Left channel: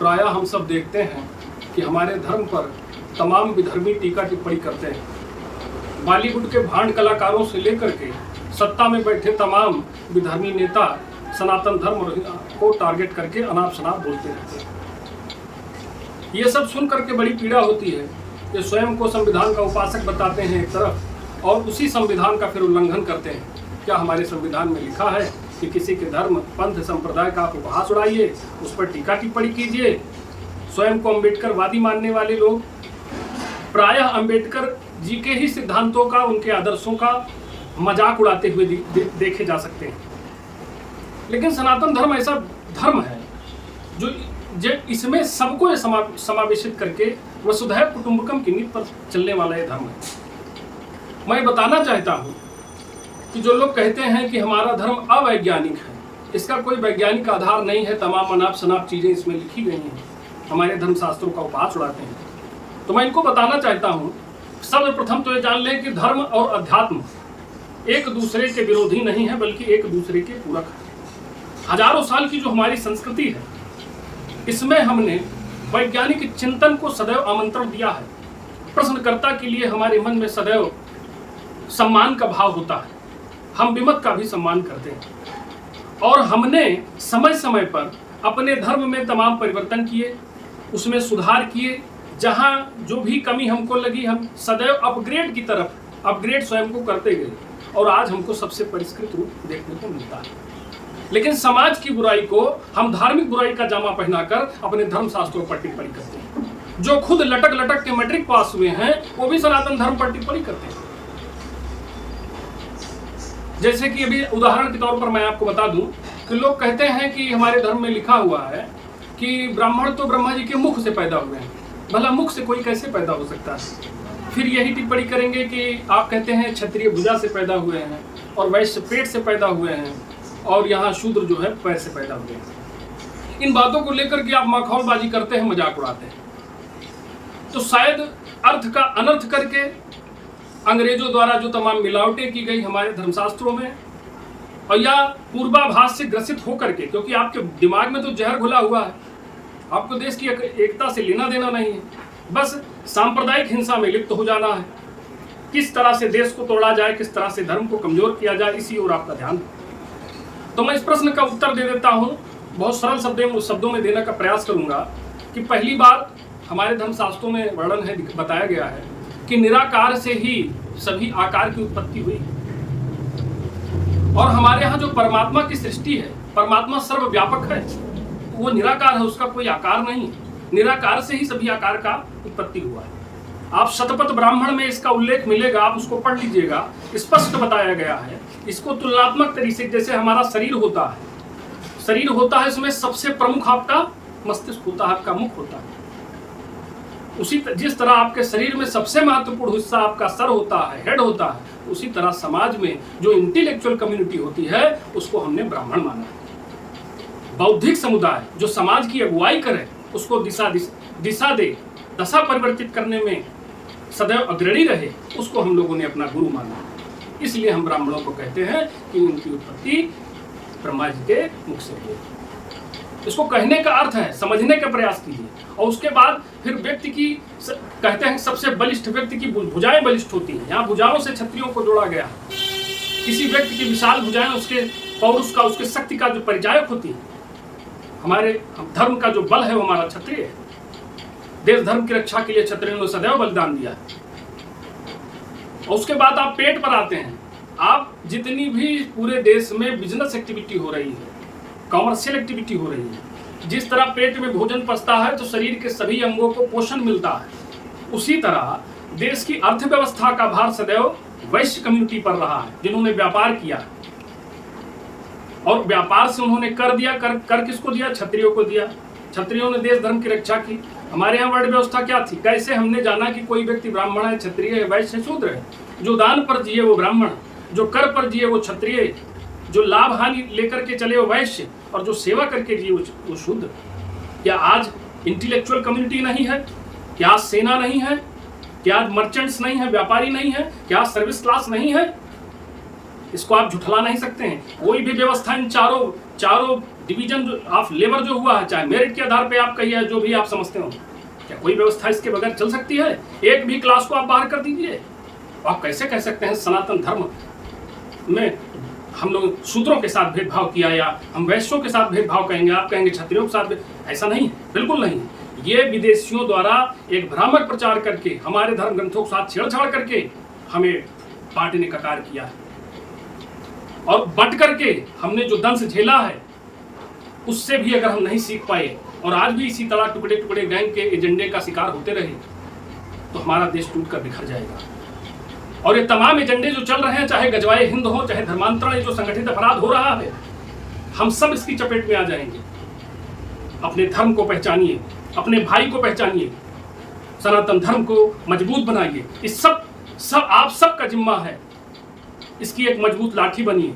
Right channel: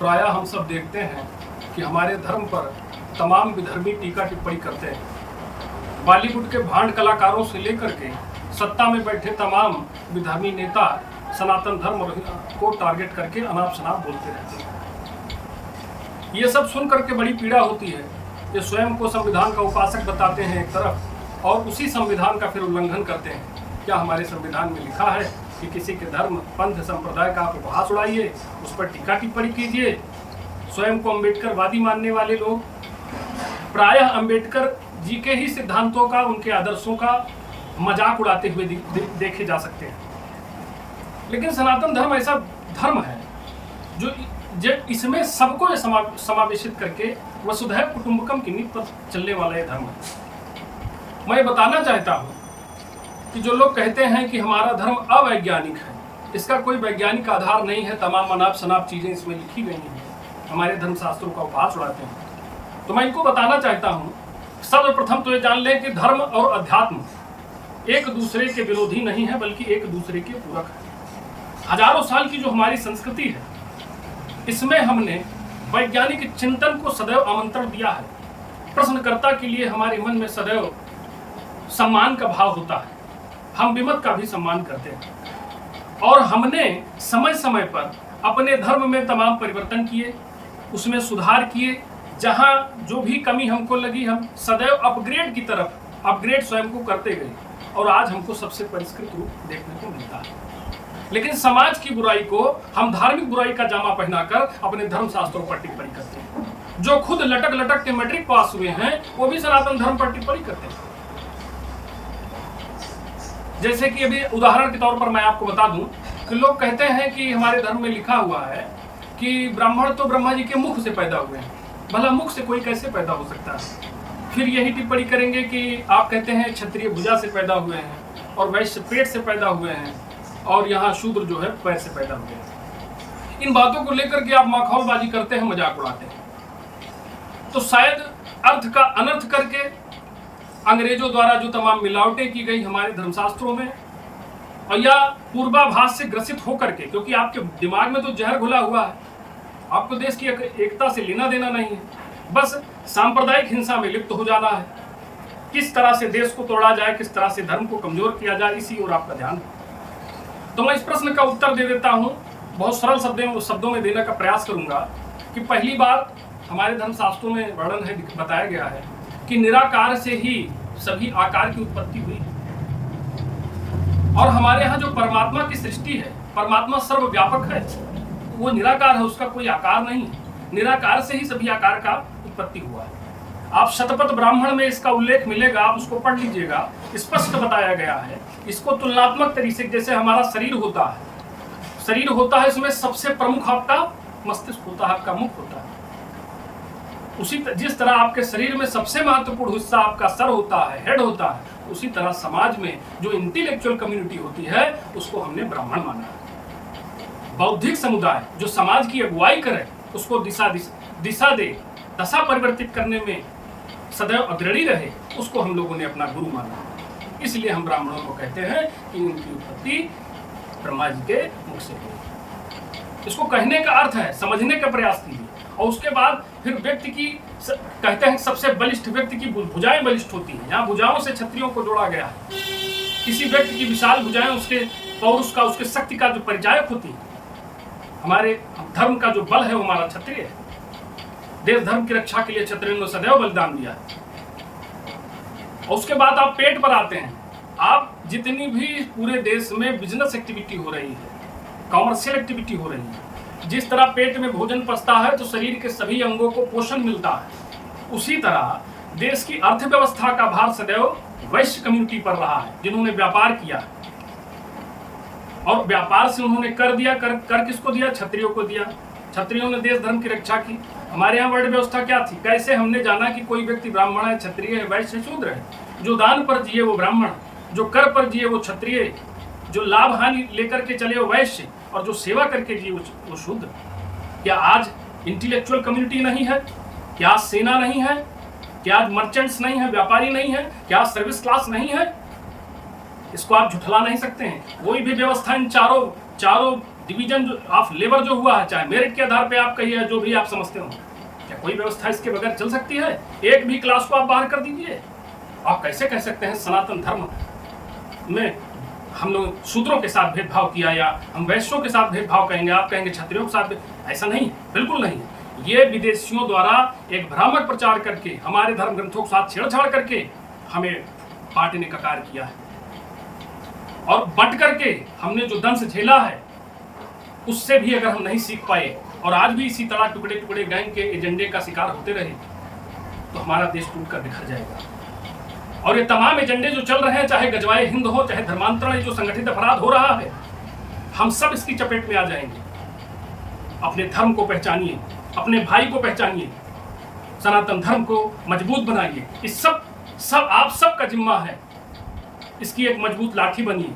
प्रायः हम सब देखते हैं कि हमारे धर्म पर तमाम विधर्मी टीका टिप्पणी करते हैं। बॉलीवुड के भांड कलाकारों से लेकर के सत्ता में बैठे तमाम विधर्मी नेता सनातन धर्म को टारगेट करके अनाप शनाप बोलते रहते हैं। ये सब सुन करके बड़ी पीड़ा होती है। ये स्वयं को संविधान का उपासक बताते हैं एक तरफ, और उसी संविधान का फिर उल्लंघन करते हैं। क्या हमारे संविधान में लिखा है कि किसी के धर्म, पंथ, संप्रदाय का आप उपहास उड़ाइए, उस पर टीका टिप्पणी कीजिए? स्वयं को अम्बेडकरवादी मानने वाले लोग प्रायः अम्बेडकर जी के ही सिद्धांतों का, उनके आदर्शों का मजाक उड़ाते हुए देखे जा सकते हैं। लेकिन सनातन धर्म ऐसा धर्म है जो इसमें सबको समावेशित करके वसुधैव कुटुंबकम की नीति पर चलने वाला ये धर्म है। मैं बताना चाहता हूँ कि जो लोग कहते हैं कि हमारा धर्म अवैज्ञानिक है, इसका कोई वैज्ञानिक आधार नहीं है। तमाम अनाप शनाप चीज़ें इसमें लिखी गई हैं, हमारे धर्मशास्त्रों का उपहास उड़ाते हैं। तो मैं इनको बताना चाहता हूँ, सर्वप्रथम तो ये जान लें कि धर्म और अध्यात्म एक दूसरे के विरोधी नहीं है, बल्कि एक दूसरे के पूरक है। हजारों साल की जो हमारी संस्कृति है, इसमें हमने वैज्ञानिक चिंतन को सदैव आमंत्रण दिया है। प्रश्नकर्ता के लिए हमारे मन में सदैव सम्मान का भाव होता है। हम विमत का भी सम्मान करते हैं, और हमने समय समय पर अपने धर्म में तमाम परिवर्तन किए, उसमें सुधार किए। जहाँ जो भी कमी हमको लगी, हम सदैव अपग्रेड की तरफ अपग्रेड स्वयं को करते गए, और आज हमको सबसे परिष्कृत रूप देखने को मिलता है। लेकिन समाज की बुराई को हम धार्मिक बुराई का जामा पहनाकर अपने धर्म शास्त्रों पर टिप्पणी करते हैं। जो खुद लटक लटक के मैट्रिक पास हुए हैं, वो भी सनातन धर्म पर टिप्पणी करते हैं। जैसे कि अभी उदाहरण के तौर पर मैं आपको बता दूं कि लोग कहते हैं कि हमारे धर्म में लिखा हुआ है कि ब्राह्मण तो ब्रह्मा जी के मुख से पैदा हुए हैं। भला मुख से कोई कैसे पैदा हो सकता है? फिर यही टिप्पणी करेंगे कि आप कहते हैं क्षत्रिय भुजा से पैदा हुए हैं, और वैश्य पेट से पैदा हुए हैं, और यहाँ शूद्र जो है पैर से पैदा हुए हैं। इन बातों को लेकर के आप माखौलबाजी करते हैं, मजाक उड़ाते हैं। तो शायद अर्थ का अनर्थ करके अंग्रेजों द्वारा जो तमाम मिलावटें की गई हमारे धर्मशास्त्रों में, और या पूर्वाभास से ग्रसित होकर के, क्योंकि आपके दिमाग में तो जहर घुला हुआ है, आपको देश की एकता से लेना देना नहीं है, बस सांप्रदायिक हिंसा में लिप्त हो जाना है। किस तरह से देश को तोड़ा जाए, किस तरह से धर्म को कमजोर किया जाए, इसी ओर आपका ध्यान है। तो मैं इस प्रश्न का उत्तर दे देता हूं, बहुत सरल शब्दों में देने का प्रयास करूंगा कि पहली बात, हमारे धर्मशास्त्रों में वर्णन है, बताया गया है कि निराकार से ही सभी आकार की उत्पत्ति हुई है। और हमारे यहाँ जो परमात्मा की सृष्टि है, परमात्मा सर्वव्यापक है, वो निराकार है, उसका कोई आकार नहीं है। निराकार से ही सभी आकार का उत्पत्ति हुआ है। आप शतपथ ब्राह्मण में इसका उल्लेख मिलेगा, आप उसको पढ़ लीजिएगा, स्पष्ट बताया गया है। इसको तुलनात्मक तरीके से, जैसे हमारा शरीर होता है, इसमें सबसे प्रमुख आपका मस्तिष्क होता है, आपका मुख होता है। जिस तरह आपके शरीर में सबसे महत्वपूर्ण हिस्सा आपका सर होता है, हेड होता है, उसी तरह समाज में जो इंटेलेक्चुअल कम्युनिटी होती है, उसको हमने ब्राह्मण माना है। बौद्धिक समुदाय जो समाज की अगुवाई करे, उसको दिशा दे, दशा परिवर्तित करने में सदैव अग्रणी रहे, उसको हम लोगों ने अपना गुरु माना है। इसलिए हम ब्राह्मणों को कहते हैं कि इनकी उत्पत्ति ब्रह्मा जी के मुख से हुई। इसको कहने का अर्थ है, समझने का प्रयास कीजिए। और उसके बाद फिर व्यक्ति की, कहते हैं सबसे बलिष्ठ व्यक्ति की भुजाएं बलिष्ठ होती हैं। यहाँ भुजाओं से क्षत्रियों को जोड़ा गया है। किसी व्यक्ति की विशाल भुजाएं उसके पौरुष का, उसके शक्ति का जो परिचायक होती है। हमारे धर्म का जो बल है वो हमारा क्षत्रिय है। देश धर्म की रक्षा के लिए क्षत्रियों ने सदैव बलिदान दिया है। और उसके बाद आप पेट पर आते हैं। आप जितनी भी पूरे देश में बिजनेस एक्टिविटी हो रही है, कॉमर्शियल एक्टिविटी हो रही है, जिस तरह पेट में भोजन पचता है तो शरीर के सभी अंगों को पोषण मिलता है, उसी तरह देश की अर्थव्यवस्था का भार सदैव वैश्य कम्युनिटी पर रहा है, जिन्होंने व्यापार किया। और व्यापार से उन्होंने कर दिया। कर किसको दिया? क्षत्रियों को दिया। क्षत्रियों ने देश धर्म की रक्षा की। हमारे यहाँ वर्ण व्यवस्था क्या थी? कैसे हमने जाना कि कोई व्यक्ति ब्राह्मण है, क्षत्रिय है, वैश्य है, शूद्र है? जो दान पर जिए वो ब्राह्मण, जो कर पर जिए वो क्षत्रिय, जो लाभ हानि लेकर के चले वो वैश्य, और जो सेवा करके जिए वो शूद्र। क्या आज इंटेलेक्चुअल कम्युनिटी नहीं है? क्या आज सेना नहीं है? क्या आज मर्चेंट्स नहीं है, व्यापारी नहीं है? क्या आज सर्विस क्लास नहीं है? इसको आप झुठला नहीं सकते हैं। कोई भी व्यवस्था इन चारों डिवीजन ऑफ लेबर जो हुआ है, चाहे मेरिट के आधार पे आप कहिए, जो भी आप समझते हो, क्या कोई व्यवस्था इसके बगैर चल सकती है? एक भी क्लास को आप बाहर कर दीजिए। आप कैसे कह सकते हैं सनातन धर्म में हम लोग शूद्रों के साथ भेदभाव किया, या हम वैश्यों के साथ भेदभाव कहेंगे, आप कहेंगे क्षत्रियों के साथ? ऐसा नहीं है, बिल्कुल नहीं है। ये विदेशियों द्वारा एक भ्रामक प्रचार करके, हमारे धर्म ग्रंथों के साथ छेड़छाड़ करके हमें बांटने का कार्य किया है, और बंट करके हमने जो दंश झेला है उससे भी अगर हम नहीं सीख पाए और आज भी इसी तरह टुकड़े टुकड़े गैंग के एजेंडे का शिकार होते रहे तो हमारा देश टूटकर बिखर जाएगा। और ये तमाम एजेंडे जो चल रहे हैं, चाहे गजवाए हिंद हो, चाहे धर्मांतरण, ये जो संगठित अपराध हो रहा है, हम सब इसकी चपेट में आ जाएंगे। अपने धर्म को पहचानिए, अपने भाई को पहचानिए, सनातन धर्म को मजबूत बनाइए। इस सब आप सबका जिम्मा है, इसकी एक मजबूत लाठी बनिए।